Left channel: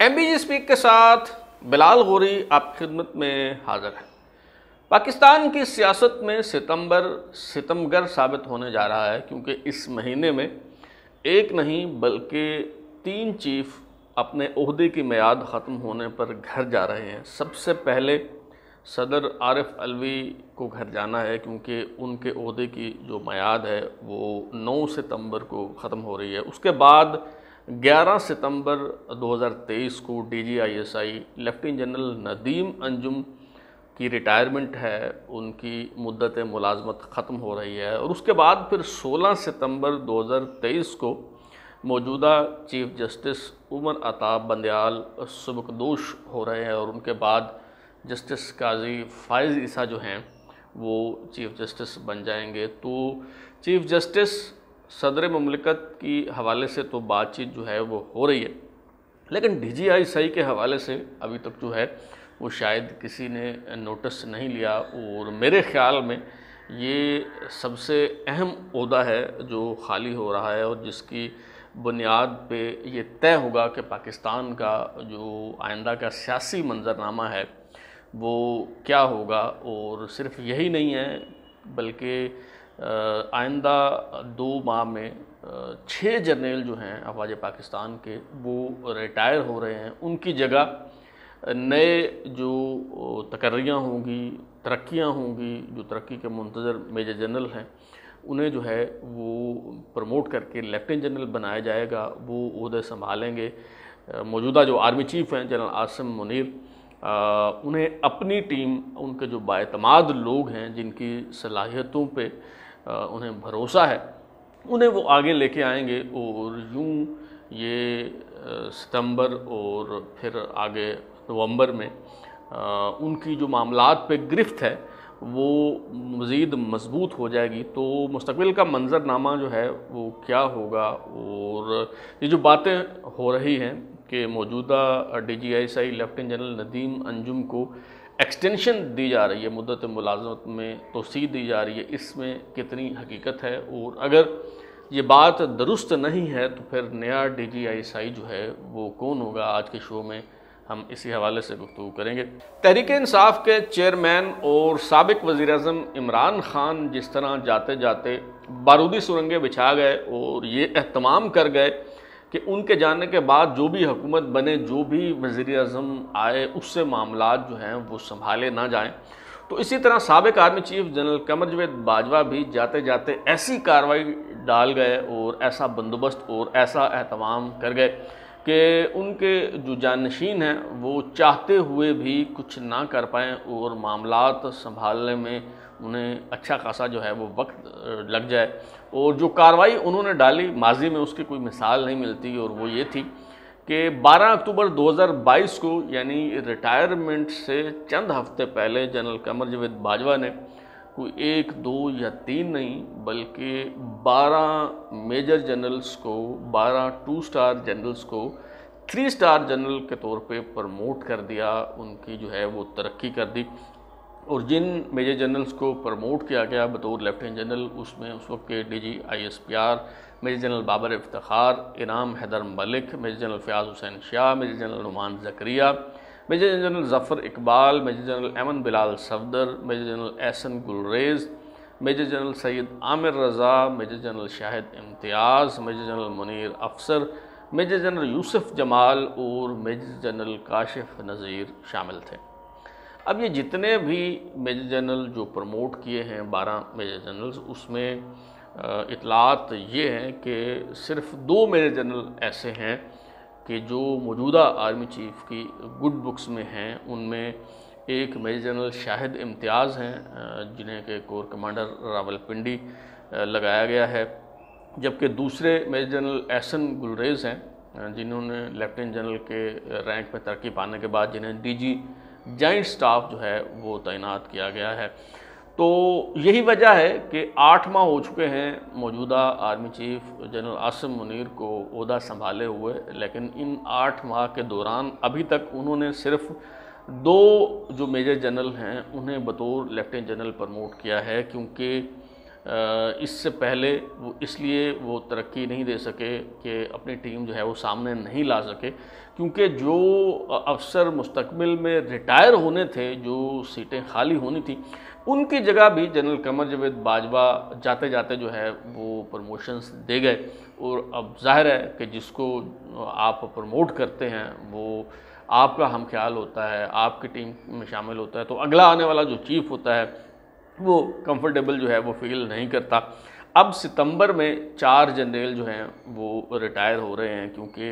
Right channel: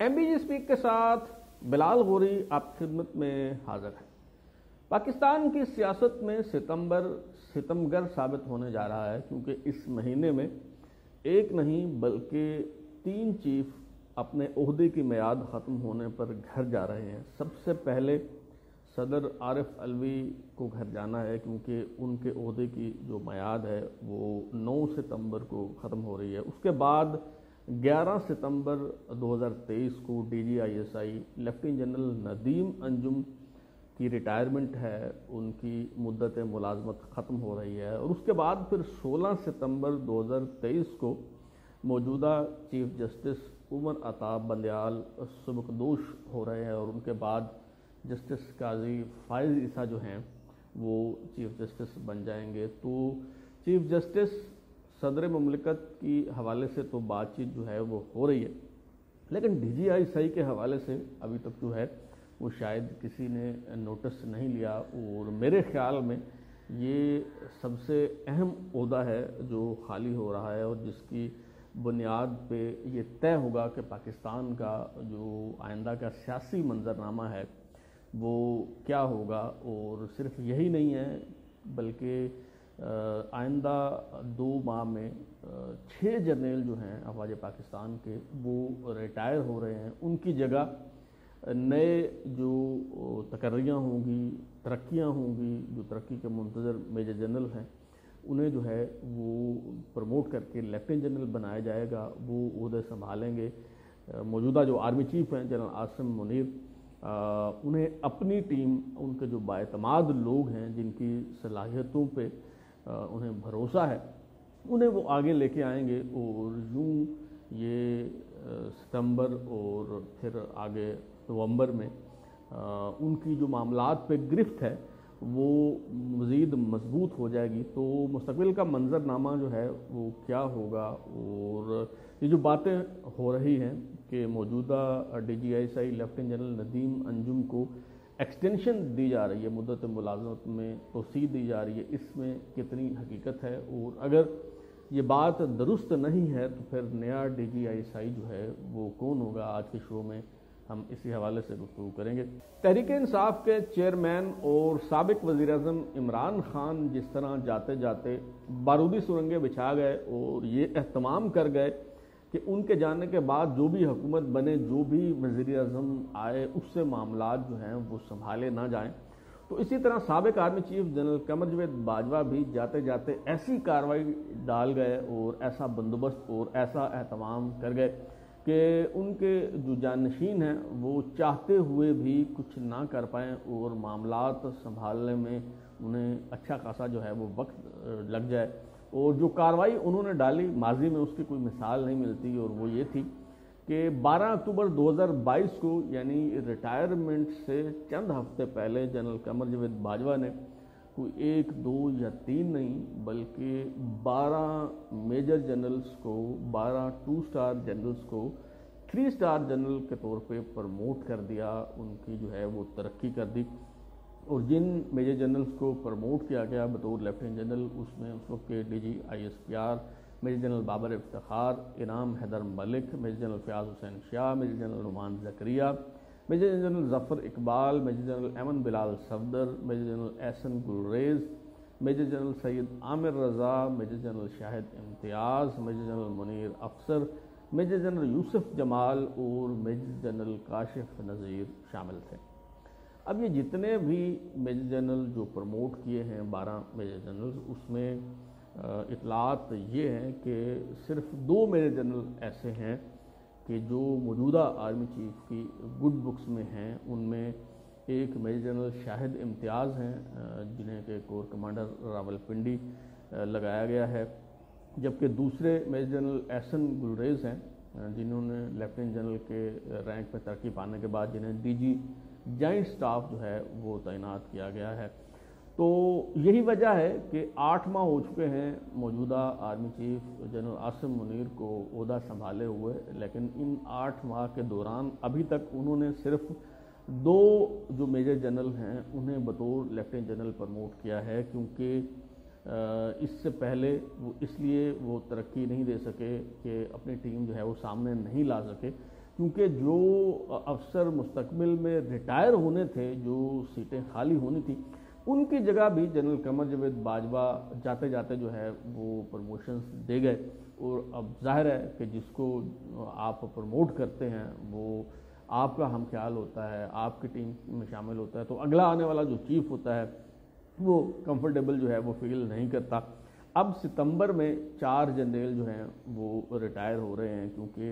MBG speak के साथ बिलाल गौरी आपकी खिदमत में हाजिर है। पाकिस्तान की सियासत में सितंबर सितमगर साबित होने जा रहा है, क्योंकि इस महीने में एक नहीं बल्कि 3 चीफ अपने ओहदे की मियाद ख़त्म होने पर घर जा रहे हैं। सबसे पहले सदर आरिफ अलवी को घर जाना है, क्योंकि उनके ओहदे की जो मियाद है वो 9 सितंबर को ख़त्म हो रही है। उसके बाद 11 सितंबर 2023 को DGISI lieutenant general Nadeem Anjum की रिटायरमेंट है, उनकी मुद्दत मुलाजमत ख़त्म हो रही है। और उसके बाद फिर 16 सितंबर 2023 को मौजूदा चीफ जस्टिस उमर अता बंदयाल सबकदोश हो रहे हैं, और उनके बाद जस्टिस काजी फ़ाइज़ ईसा जो हैं वो चीफ जस्टिस बन जाएंगे। तो चीफ जस्टिस सदर ममलिकत की हवाले से तो बातचीत जो है वो हो रही है, लेकिन DGISI के हवाले से अभी तक जो है वो शायद किसी ने नोटिस नहीं लिया। और मेरे ख़्याल में ये सबसे अहम ओहदा है जो खाली हो रहा है, और जिसकी बुनियाद पे ये तय होगा कि पाकिस्तान का जो आइंदा का सियासी मंजरनामा है वो क्या होगा। और सिर्फ यही नहीं है, बल्कि आइंदा 2 माह में 6 जर्नल जो हैं अफवाज पाकिस्तान के वो रिटायर हो रहे हैं। उनकी जगह नए जो तकर्रियाँ होंगी, तरक्कियाँ होंगी, जो तरक्की के मुंतज़र मेजर जनरल हैं उन्हें जो है वो प्रमोट करके लेफ्टिनेंट जनरल बनाया जाएगा, वो ओहदे संभालेंगे। मौजूदा जो आर्मी चीफ़ हैं जनरल आसिम मुनीर, उन्हें अपनी टीम, उनके जो बाएतमाद लोग हैं जिनकी सलाहियतों पे उन्हें भरोसा है, उन्हें वो आगे लेके आएंगे। और यूँ ये सितंबर और फिर आगे नवंबर में उनकी जो मामलात पे गिरफ्त है वो मज़ीद मजबूत हो जाएगी। तो मुस्तकबिल का मंजरनामा जो है वो क्या होगा। और ये जो बातें हो रही हैं कि मौजूदा DGISI lieutenant general Nadeem Anjum को एक्सटेंशन दी जा रही है, मुद्दत मुलाजमत में तोसी दी जा रही है, इसमें कितनी हकीकत है। और अगर ये बात दुरुस्त नहीं है तो फिर नया DGISI जो है वो कौन होगा, आज के शो में हम इसी हवाले से गुफ्तगू करेंगे। तहरीक इंसाफ के चेयरमैन और साबिक वज़ीर-ए-आज़म इमरान खान जिस तरह जाते जाते बारूदी सुरंगें बिछा गए और ये एहतमाम कर गए कि उनके जाने के बाद जो भी हुकूमत बने, जो भी वज़ीर-ए-आज़म आए, उससे मामलात जो हैं वो संभाले ना जाएं, तो इसी तरह साबिक army chief general Qamar Javed Bajwa भी जाते जाते ऐसी कार्रवाई डाल गए और ऐसा बंदोबस्त और ऐसा एहतमाम कर गए कि उनके जो जानशीन हैं वो चाहते हुए भी कुछ ना कर पाएँ और मामलात संभालने में उन्हें अच्छा खासा जो है वो वक्त लग जाए। और जो कार्रवाई उन्होंने डाली माजी में उसकी कोई मिसाल नहीं मिलती, और वो ये थी कि 12 अक्टूबर 2022 को, यानी रिटायरमेंट से चंद हफ्ते पहले, जनरल कमर जावेद बाजवा ने कोई 1, 2 या 3 नहीं बल्कि 12 मेजर जनरल्स को, 12 2 स्टार जनरल्स को 3 स्टार जनरल के तौर पे प्रमोट कर दिया, उनकी जो है वो तरक्की कर दी। और जिन मेजर जनरल्स को प्रमोट किया गया बतौर लेफ्टिनेंट जनरल, उसमें उस वक्त के DG/ISPR major general Babar Iftikhar, Inam Haider Malik, major general Fayyaz Hussain Shah, major general Nauman Zakaria, major general Zafar Iqbal, major general Aman Bilal Safdar, major general Ahsan Gulrez, major general Syed Amir Raza, major general Shahid Imtiaz, major general Munir Afsar, major general Yusuf Jamal और मेजर जनरल काशिफ नज़ीर शामिल थे। अब ये जितने भी मेजर जनरल जो प्रमोट किए हैं, 12 मेजर जनरल्स, उसमें इतलात ये हैं कि सिर्फ 2 मेजर जनरल ऐसे हैं कि जो मौजूदा आर्मी चीफ़ की गुड बुक्स में हैं। उनमें एक मेजर जनरल शाहिद इम्तियाज़ हैं जिन्हें के कोर कमांडर रावलपिंडी लगाया गया है, जबकि दूसरे मेजर जनरल एहसन गुलरेज़ हैं जिन्होंने लेफ्टिनेंट जनरल के रैंक में तरक्की पाने के बाद जिन्हें DG जॉइंट स्टाफ जो है वो तैनात किया गया है। तो यही वजह है कि 8 माह हो चुके हैं मौजूदा army chief general Asim Munir को ओहदा संभाले हुए, लेकिन इन 8 माह के दौरान अभी तक उन्होंने सिर्फ 2 जो मेजर जनरल हैं उन्हें बतौर लेफ्टिनेंट जनरल प्रमोट किया है, क्योंकि इससे पहले वो इसलिए वो तरक्की नहीं दे सके कि अपनी टीम जो है वो सामने नहीं ला सके, क्योंकि जो अफसर मुस्तकबिल में रिटायर होने थे, जो सीटें खाली होनी थी, उनकी जगह भी जनरल कमर जावेद बाजवा जाते जाते जो है वो प्रमोशंस दे गए। और अब जाहिर है कि जिसको आप प्रमोट करते हैं वो आपका हम ख्याल होता है, आपकी टीम में शामिल होता है, तो अगला आने वाला जो चीफ होता है वो कंफर्टेबल जो है वो फील नहीं करता। अब सितंबर में 4 जनरल जो हैं वो रिटायर हो रहे हैं, क्योंकि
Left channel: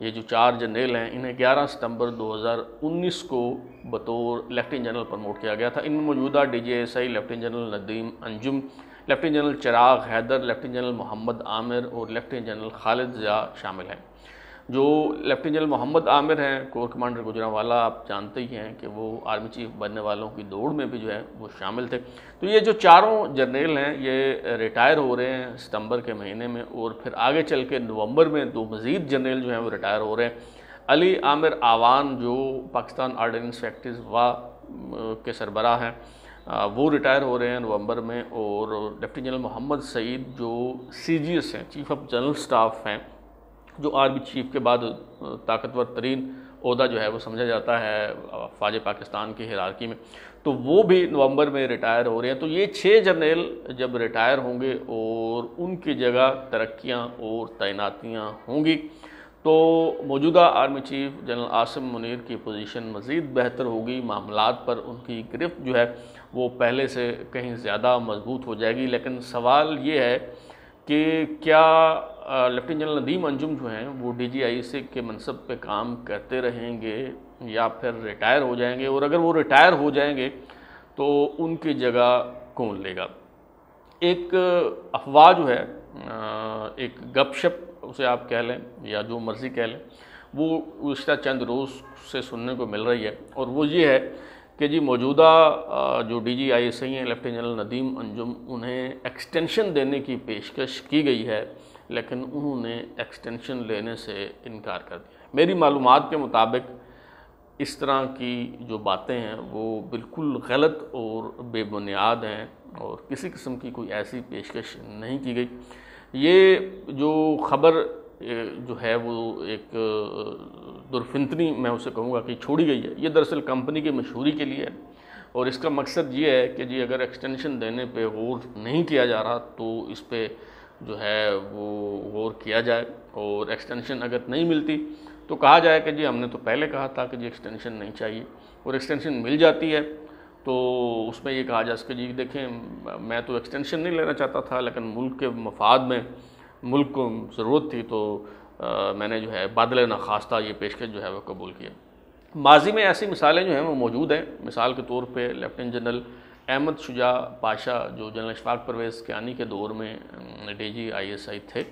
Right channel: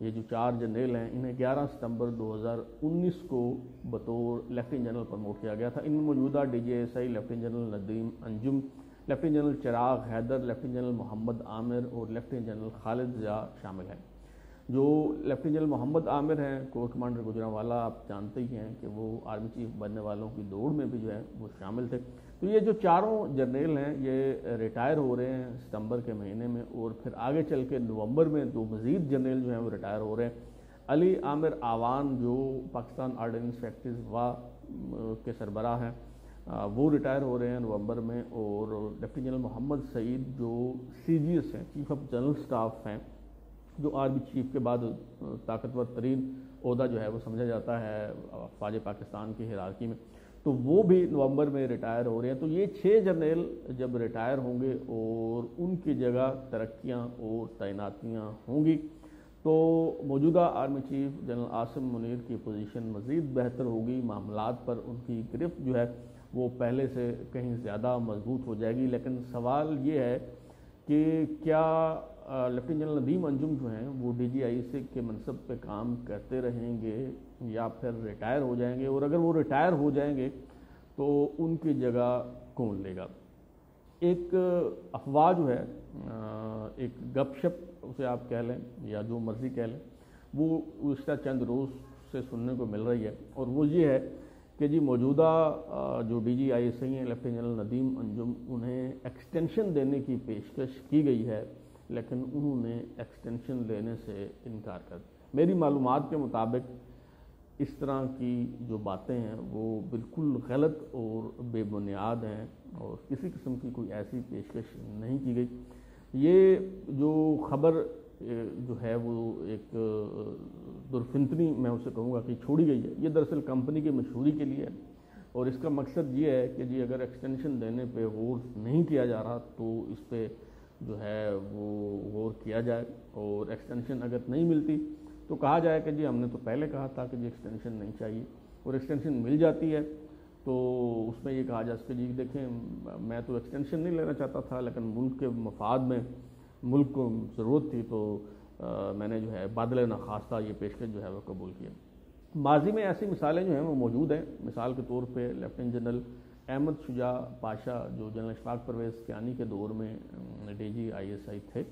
ये जो 4 जनरल हैं इन्हें 11 सितंबर 2019 को बतौर लेफ्टिनेंट जनरल प्रमोट किया गया था। इनमें मौजूदा DGISI lieutenant general Nadeem Anjum, lieutenant general Chirag Haider, lieutenant general Mohammad Amir और लेफ्टिनेंट जनरल खालिद ज़िया शामिल हैं। जो लेफ्टिनेंट जनरल मोहम्मद आमिर हैं, कोर कमांडर गुजरांवाला, आप जानते ही हैं कि वो आर्मी चीफ बनने वालों की दौड़ में भी जो है वो शामिल थे। तो ये जो चारों जनरल हैं ये रिटायर हो रहे हैं सितंबर के महीने में, और फिर आगे चल के नवंबर में 2 मज़ीद जनरल जो हैं वो रिटायर हो रहे हैं। अली आमिर आवान जो पाकिस्तान आर्डिनेंस फैक्ट्रीज के सरबराह हैं, वो रिटायर हो रहे हैं नवंबर में। और लेफ्टिनेंट जनरल मोहम्मद सईद जो CGS हैं, चीफ ऑफ जनरल स्टाफ हैं, जो आर्मी चीफ के बाद ताकतवर तरीन ओहदा जो है वो समझा जाता है फ़ौज पाकिस्तान की हिरारकी में, तो वो भी नवंबर में रिटायर हो रहे हैं। तो ये 6 जनरल जब रिटायर होंगे और उनकी जगह तरक्कियाँ और तैनातियाँ होंगी, तो मौजूदा army chief general Asim Munir की पोजीशन मज़ीद बेहतर होगी। मामलात पर उनकी गिरफ्त जो है वो पहले से कहीं ज़्यादा मजबूत हो जाएगी। लेकिन सवाल ये है कि क्या लेफ्टिनेंट जनरल नदीम अंजुम जो हैं वो DGISI के मनसब पे काम करते रहेंगे या फिर रिटायर हो जाएंगे, और अगर वो रिटायर हो जाएंगे तो उनकी जगह कौन लेगा। एक अफवाह जो है, एक गपशप उसे आप कह लें या जो मर्ज़ी कह लें, वो पिछले चंद रोज़ से सुनने को मिल रही है, और वो ये है कि जी मौजूदा जो DGISI हैं लेफ्टिनेंट जनरल नदीम अंजुम, उन्हें एक्सटेंशन देने की पेशकश की गई है, लेकिन उन्होंने एक्सटेंशन लेने से इनकार कर दिया। मेरी मालूमात के मुताबिक इस तरह की जो बातें हैं वो बिल्कुल गलत और बेबुनियाद हैं, और किसी किस्म की कोई ऐसी पेशकश नहीं की गई। ये जो खबर जो है वो एक दुर्फिंतनी मैं उसे कहूँगा कि छोड़ी गई है, ये दरअसल कंपनी की मशहूरी के लिए है, और इसका मकसद ये है कि जी अगर एक्सटेंशन देने पे गौर नहीं किया जा रहा तो इस पे जो है वो गौर किया जाए, और एक्सटेंशन अगर नहीं मिलती तो कहा जाए कि जी हमने तो पहले कहा था कि जी एक्सटेंशन नहीं चाहिए, और एक्सटेंशन मिल जाती है तो उसमें ये कहा जा सके जी देखें मैं तो एक्सटेंशन नहीं लेना चाहता था, लेकिन मुल्क के मफाद में मुल्क को ज़रूरत थी, तो मैंने जो है बादल नखास्ता ये पेशकश जो है वो कबूल किया। माजी में ऐसी मिसालें जो हैं वो मौजूद हैं। मिसाल के तौर पे लेफ्टिनेंट जनरल अहमद शुजा पाशा जो जनरल इशफाक परवेज़ कियानी के दौर में DGISI थे,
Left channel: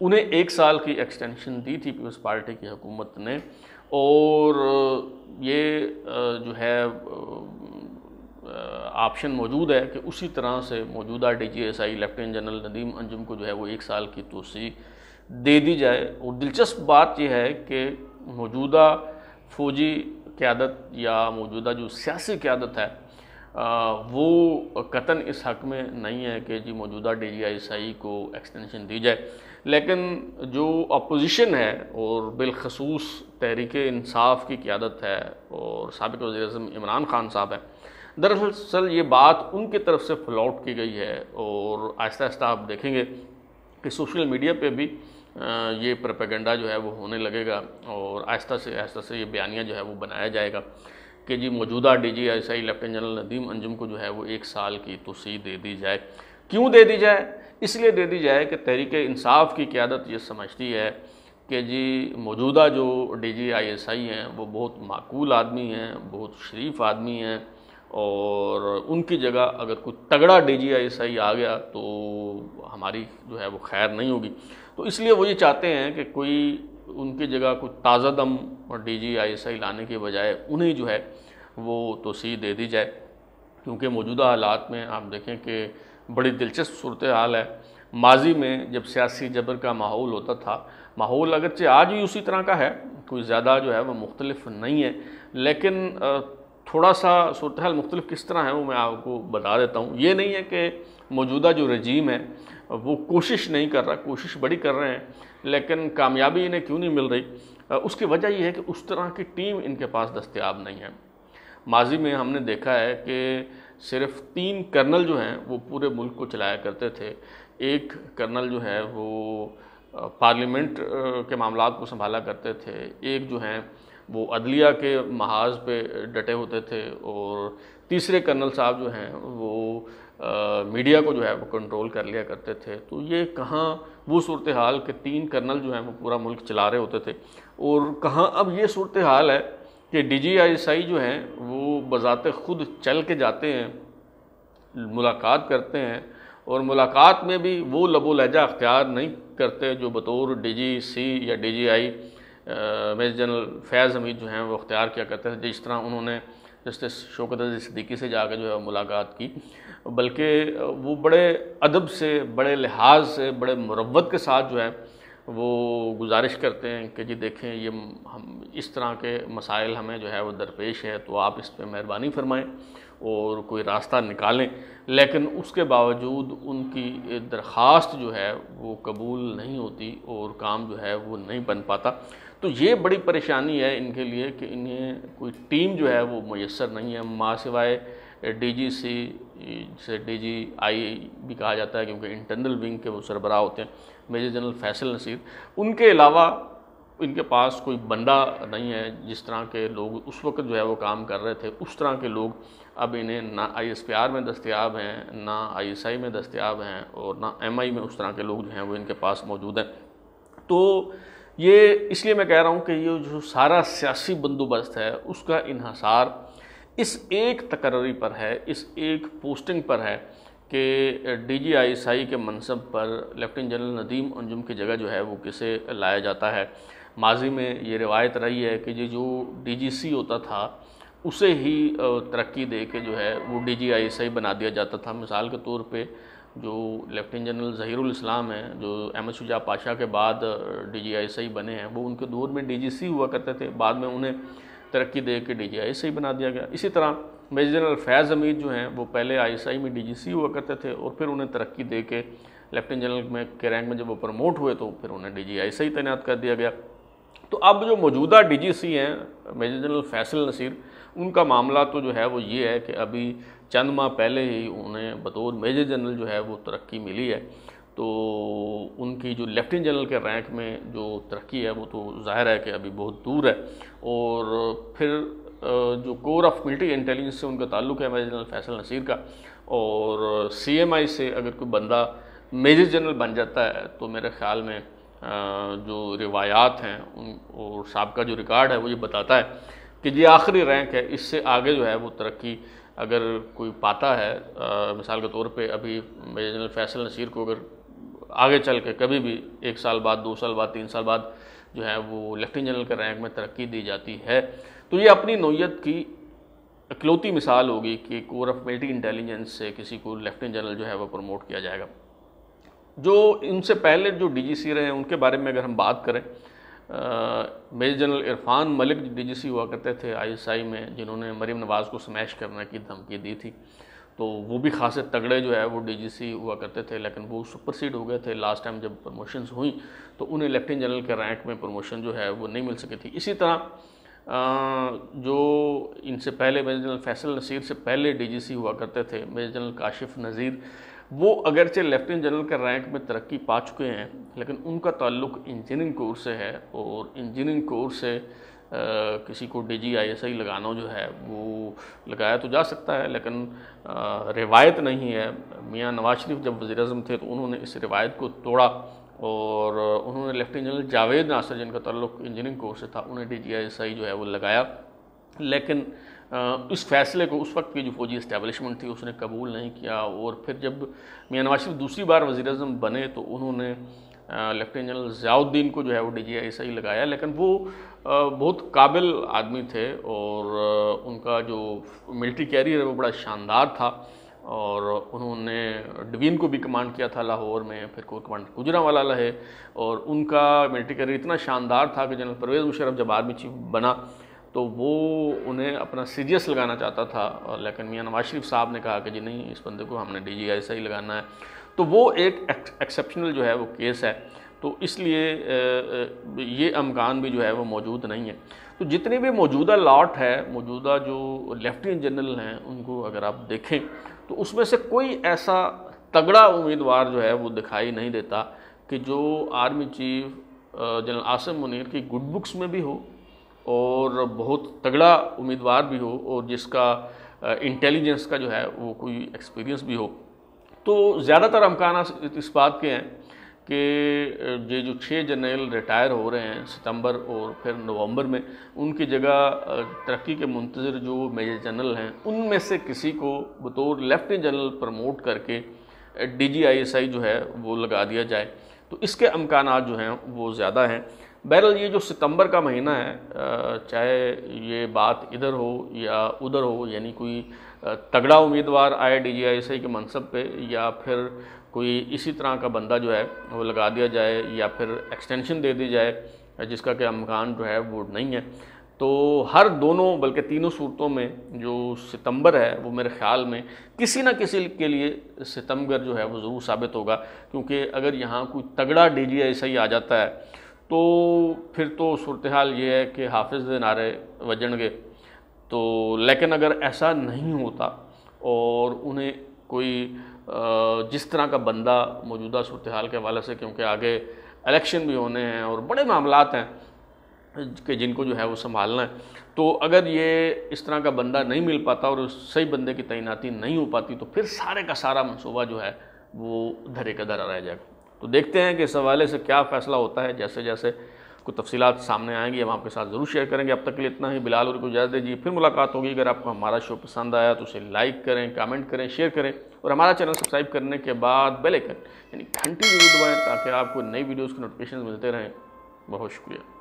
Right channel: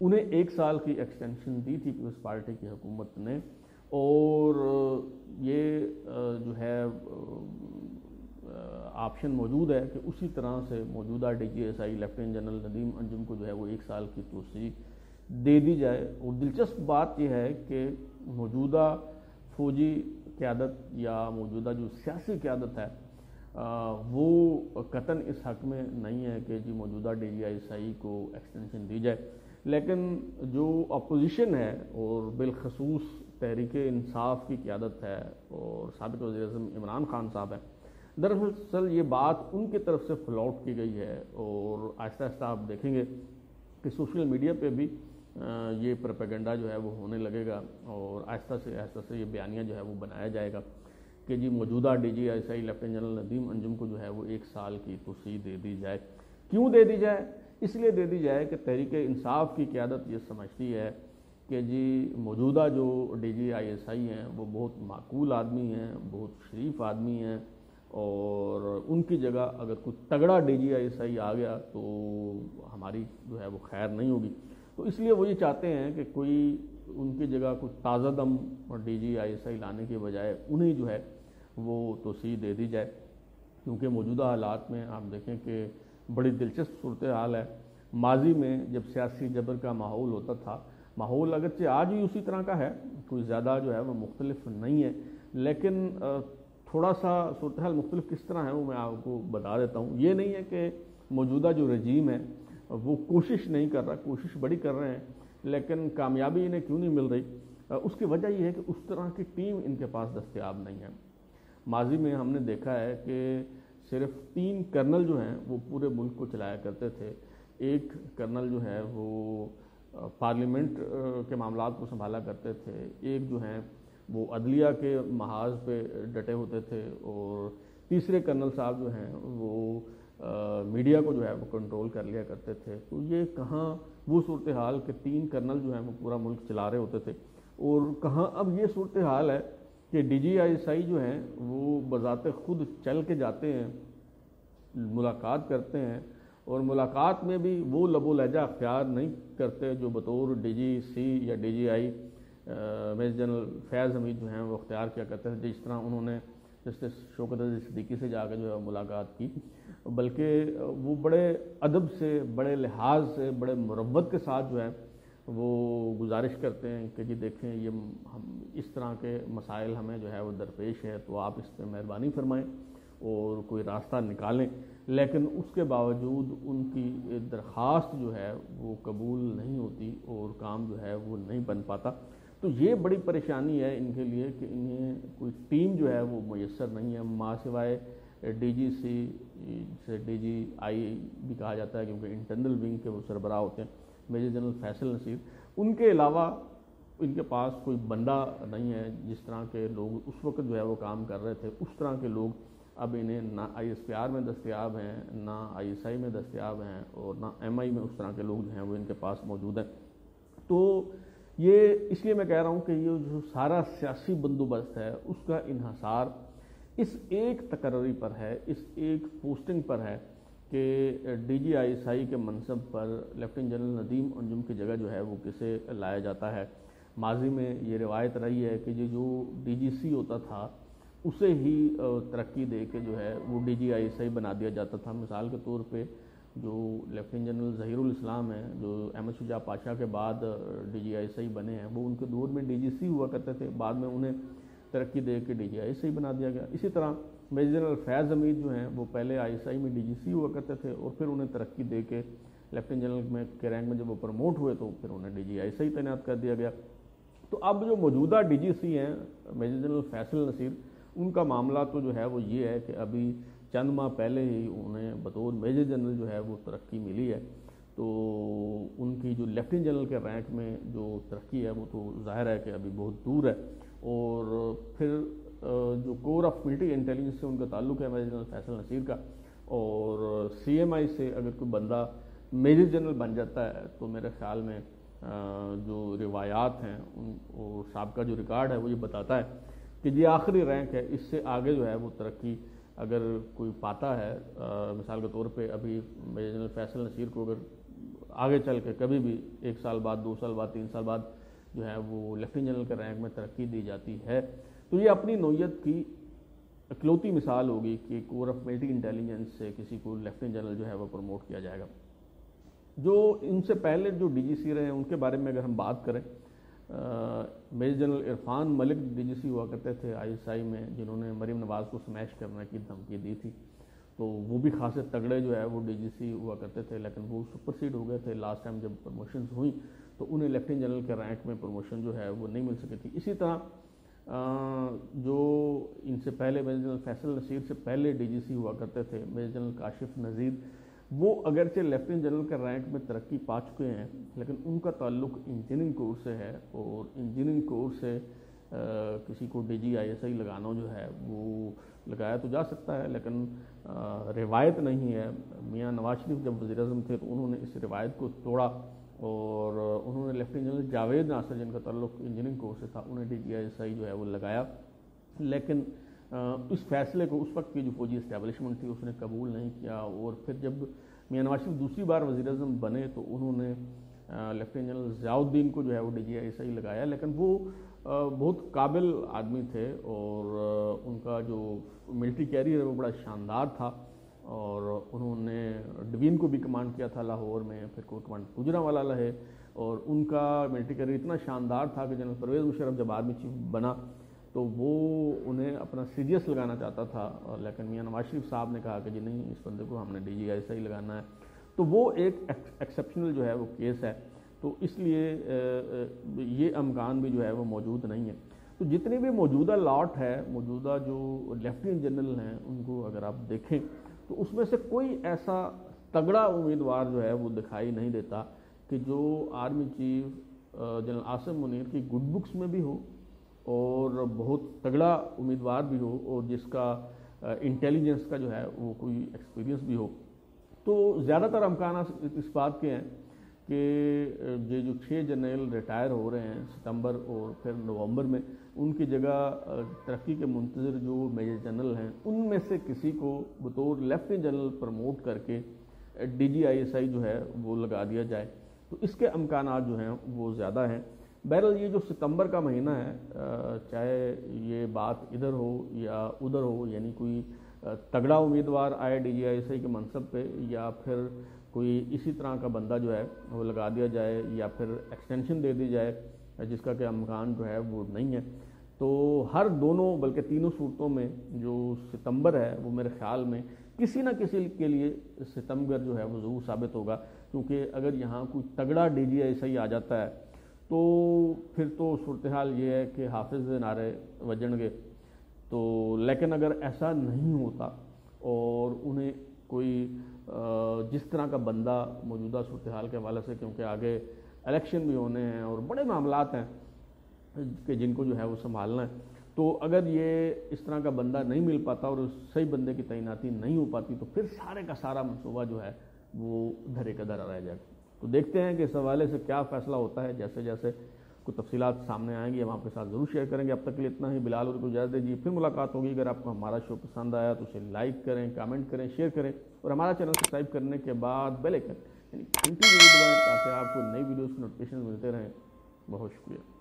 उन्हें 1 साल की एक्सटेंशन दी थी पीपल्स पार्टी की हुकूमत ने, और ये जो है ऑप्शन मौजूद है कि उसी तरह से मौजूदा DGISI lieutenant general Nadeem Anjum को जो है वो 1 साल की तोसी दे दी जाए। और दिलचस्प बात यह है कि मौजूदा फ़ौजी क़यादत या मौजूदा जो सियासी क़यादत है वो कतन इस हक़ में नहीं है कि जी मौजूदा DGISI को एक्सटेंशन दी जाए, लेकिन जो अपोजिशन है और बिलखसूस तहरीक इंसाफ की क़यादत है और साबिक़ वज़ीर-ए-आज़म इमरान खान साहब हैं, दरअसल ये बात उनकी तरफ से फ्लॉट की गई है, और आहिस्ता आहिस्ता आप देखेंगे कि सोशल मीडिया पे भी ये प्रोपेगेंडा जो है वो होने लगेगा, और आहिस्ता से ये बयानिया जो है वो बनाया जाएगा कि जी मौजूदा DGISI lieutenant general Nadeem Anjum को जो है वो 1 साल की तोसी दे दी जाए। क्यों दे दी जाए? इसलिए दे दी जाए कि तहरीक इंसाफ की क़यादत ये समझती है कि जी मौजूदा जो DGISI हैं वो बहुत माकूल आदमी हैं, बहुत शरीफ आदमी हैं, और उनकी जगह अगर कोई तगड़ा DGISI आ गया तो हमारी जो है वो खैर नहीं होगी। तो इसलिए वो ये चाहते हैं कि कोई उनकी जगह कोई ताज़ा दम DGISI लाने के बजाय उन्हें जो है वो तोसी दे दी जाए, क्योंकि मौजूदा हालात में आप देखें कि बड़ी दिलचस्प सूरत हाल है। माजी में जब सियासी जबर का माहौल होता था, माहौल अगरचे आज भी उसी तरह का है, कोई ज़्यादा जो है वो मुख्तलिफ नहीं है, लेकिन थोड़ा सा सूरत हाल मुख्तलिफ किस तरह है वो मैं आपको बता देता हूँ। ये नहीं है कि मौजूदा जो रजीम है वो कोशिश नहीं कर रहा, कोशिश बड़ी कर रहे हैं लेकिन कामयाबी इन्हें क्यों नहीं मिल रही, उसकी वजह यह है कि उस तरह की टीम इनके पास दस्तयाब नहीं है। माजी में हमने देखा है कि सिर्फ 3 कर्नल जो हैं वो पूरे मुल्क को चलाया करते थे। एक कर्नल जो है वो पार्लियामेंट के मामलात को संभाला करते थे, एक जो हैं वो अदलिया के महाज पे डटे होते थे, और तीसरे कर्नल साहब जो हैं वो मीडिया को जो है वो कंट्रोल कर लिया करते थे। तो ये कहाँ वो सूरत हाल कि 3 कर्नल जो हैं वो पूरा मुल्क चला रहे होते थे, और कहाँ अब ये सूरत हाल है कि DGISI जो हैं वो बज़ाते खुद चल के जाते हैं, मुलाकात करते हैं, और मुलाकात में भी वो लबो लहजा अख्तियार नहीं करते जो बतौर DGC या DGI मेजर जनरल फैज़ हमीद जो हैं वो अख्तियार किया करते थे, जिस तरह उन्होंने जस्टिस शौकत अज़ीज़ सिद्दीकी से जाकर जो है मुलाकात की, बल्कि वो बड़े अदब से, बड़े लिहाज से, बड़े मुरव्वत के साथ जो है वो गुजारिश करते हैं कि जी देखें ये हम इस तरह के मसाइल हमें जो है वो दरपेश है, तो आप इस पर मेहरबानी फरमाएं और कोई रास्ता निकालें। लेकिन उसके बावजूद उनकी दरख्वास्त जो है वो कबूल नहीं होती और काम जो है वो नहीं बन पाता। तो ये बड़ी परेशानी है इनके लिए कि इन्हें कोई टीम जो है वो मुयस्सर नहीं है, माँ सिवाय DGC से DGI भी कहा जाता है क्योंकि इंटरनल विंग के वो सरबराह होते हैं, मेजर जनरल फैसल नसीर, उनके अलावा इनके पास कोई बंदा नहीं है। जिस तरह के लोग उस वक्त जो है वो काम कर रहे थे, उस तरह के लोग अब इन्हें ना ISPR में दस्तयाब हैं, ना ISI में दस्तयाब हैं, और ना MI में उस तरह के लोग जो हैं वो इनके पास मौजूद हैं। तो ये इसलिए मैं कह रहा हूँ कि ये जो सारा सियासी बंदोबस्त है उसका इन्हसार इस एक तकर्री पर है, इस एक पोस्टिंग पर है कि DGISI के मनसब पर लेफ्टिनेंट जनरल नदीम अंजुम की जगह जो है वो किसे लाया जाता है। माजी में ये रिवायत रही है कि जो DGC होता था उसे ही तरक्की दे के जो है वो DGISI बना दिया जाता था। मिसाल के तौर पे जो लेफ्टिनेंट जनरल ज़हीरुल इस्लाम हैं, जो अहमद शुजा पाशा के बाद DGISI बने हैं, वो उनके दौर में DGC हुआ करते थे, बाद में उन्हें तरक्की दे के DGISI बना दिया गया। इसी तरह मेजर जनरल फैज़ हमीद जो हैं वो पहले ISI में DGC हुआ करते थे और फिर उन्हें तरक्की दे के लेफ्टिनेंट जनरल में के रैंक में जब वो प्रमोट हुए तो फिर उन्हें DGISI तैनात कर दिया गया। तो अब जो मौजूदा DGC हैं मेजर जनरल फैसल नसीर, उनका मामला तो जो है वो ये है कि अभी चंद माह पहले ही उन्हें बतौर मेजर जनरल जो है वो तरक्की मिली है। तो उनकी जो लेफ्टिनेंट जनरल के रैंक में जो तरक्की है वो तो ज़ाहिर है कि अभी बहुत दूर है। और फिर जो कोर ऑफ मिलिट्री इंटेलिजेंस से उनका ताल्लुक़ है मेजर जनरल फैसल नसीर का, और CMI से अगर कोई बंदा मेजर जनरल बन जाता है तो मेरे ख़्याल में जो रिवायात हैं उन और साहब जो रिकॉर्ड है वो ये बताता है कि ये आखिरी रैंक है, इससे आगे जो है वो तरक्की अगर कोई पाता है। मिसाल के तौर पे अभी मेजर जनरल फैसल नसीर को अगर आगे चल के कभी भी 1 साल बाद, 2 साल बाद, 3 साल बाद जो है वो लेफ्टिनेंट जनरल के रैंक में तरक्की दी जाती है, तो ये अपनी नौयत की इकलौती मिसाल होगी कि कोर ऑफ मिलिट्री इंटेलिजेंस से किसी को लेफ्टिनेंट जनरल जो है वो प्रमोट किया जाएगा। जो इनसे पहले जो DGC रहे हैं उनके बारे में अगर हम बात करें, major general Irfan Malik DGC हुआ करते थे ISI में, जिन्होंने मरीम नवाज़ को स्मैश करने की धमकी दी थी, तो वो भी खासे तगड़े जो है वो DGC हुआ करते थे, लेकिन वो सुपरसीड हो गए थे। लास्ट टाइम जब प्रमोशंस हुई तो उन्हें लेफ्टिनेंट जनरल के रैंक में प्रमोशन जो है वो नहीं मिल सकी थी। इसी तरह जो इनसे पहले मेजर जनरल फैसल नसीर से पहले DGC हुआ करते थे मेजर जनरल काशिफ नज़ीर, वो अगरचे लेफ्टिनेंट जनरल के रैंक में तरक्की पा चुके हैं, लेकिन उनका ताल्लुक़ इंजीनियरिंग कोर्स से है, और इंजीनियरिंग कोर्स से किसी को DGISI लगाना जो है वो लगाया तो जा सकता है, लेकिन रिवायत नहीं है। मियाँ नवाज शरीफ जब वज़ीर-ए-आज़म थे तो उन्होंने इस रिवायत को तोड़ा और उन्होंने लेफ्टिनेंट जनरल जावेद नासिर, जिनका ताल्लुक़ इंजीनियरिंग कोर्स से था, उन्हें DGISI जो है वो लगाया। लेकिन इस फैसले को उस वक्त की जो फौजी इस्टेब्लिशमेंट थी उसने कबूल नहीं किया, और फिर जब मियाँ नवाज शरीफ दूसरी बार वज़ीर-ए-आज़म बने तो उन्होंने लेफ्टिनेंट जनरल ज़ियाउद्दीन को जो है वो DGISI लगाया, लेकिन वो बहुत काबिल आदमी थे और उनका जो मिलिट्री कैरियर है वो बड़ा शानदार था, और उन्होंने डिवीज़न को भी कमांड किया था लाहौर में, फिर कोर कमांड गुजरांवाला रहे, और उनका मिलिट्री कैरियर इतना शानदार था कि जनरल परवेज़ मुशर्रफ जब आर्मी चीफ बना तो वो उन्हें अपना सीजीएस लगाना चाहता था, और लेकिन मियां नवाज शरीफ साहब ने कहा कि जी नहीं, इस बंदे को हमने DGI ही लगाना है। तो वो एक एक्सेप्शनल जो है वो केस है, तो इसलिए ये अमकान भी जो है वो मौजूद नहीं है। तो जितने भी मौजूदा लॉट है, मौजूदा जो लेफ्टिनेंट जनरल हैं, उनको अगर आप देखें तो उसमें से कोई ऐसा तगड़ा उम्मीदवार जो है वो दिखाई नहीं देता कि जो army chief general Asim Munir की गुड बुक्स में भी हो और बहुत तगड़ा उम्मीदवार भी हो और जिसका इंटेलिजेंस का जो है वो कोई एक्सपीरियंस भी हो। तो ज़्यादातर अमकान इस बात के हैं कि ये जो 6 जनरल रिटायर हो रहे हैं सितंबर और फिर नवंबर में, उनकी जगह तरक्की के मुंतज़िर जो मेजर जनरल हैं उनमें से किसी को बतौर लेफ्टिनेंट जनरल प्रमोट करके DGI जो है वो लगा दिया जाए। तो इसके अमकानात जो हैं वो ज़्यादा हैं। बहरहाल ये जो सितंबर का महीना है, चाहे ये बात इधर हो या उधर हो, यानी कोई तगड़ा उम्मीदवार आए DGI के मनसब पे या फिर कोई इसी तरह का बंदा जो है वो लगा दिया जाए या फिर एक्सटेंशन दे दी जाए जिसका कि अमकान जो है वो नहीं है, तो हर दोनों बल्कि तीनों सूरतों में जो सितंबर है वो मेरे ख़्याल में किसी न किसी के लिए सितमगर जो है वो ज़रूर साबित होगा। क्योंकि अगर यहाँ कोई तगड़ा DGI आ जाता है तो फिर तो सूरत हाल ये है कि हाफिज़ दे नारे वजणगे। तो लेकिन अगर ऐसा नहीं होता और उन्हें कोई जिस तरह का बंदा मौजूदा सूरत हाल के हवाले से, क्योंकि आगे इलेक्शन भी होने हैं और बड़े मामलात हैं कि जिनको जो है वो संभालना है, तो अगर ये इस तरह का बंदा नहीं मिल पाता और सही बंदे की तैनाती नहीं हो पाती तो फिर सारे का सारा मनसूबा जो है वो धरे का धरा रह जाएगा। तो देखते हैं कि इस हवाले से क्या फ़ैसला होता है। जैसे जैसे कुछ तफसीलात सामने आएंगी हम आपके साथ ज़रूर शेयर करेंगे। अब तक के लिए इतना ही। बिलाल और को इजाज़त दीजिए, फिर मुलाकात होगी। अगर आपको हमारा शो पसंद आया तो उसे लाइक करें, कमेंट करें, शेयर करें और हमारा चैनल सब्सक्राइब करने के बाद बेल आइकन यानी घंटी ज़रूर दबाएँ ताकि आपको नई वीडियोज़ के नोटिफिकेशन मिलते रहें। बहुत शुक्रिया।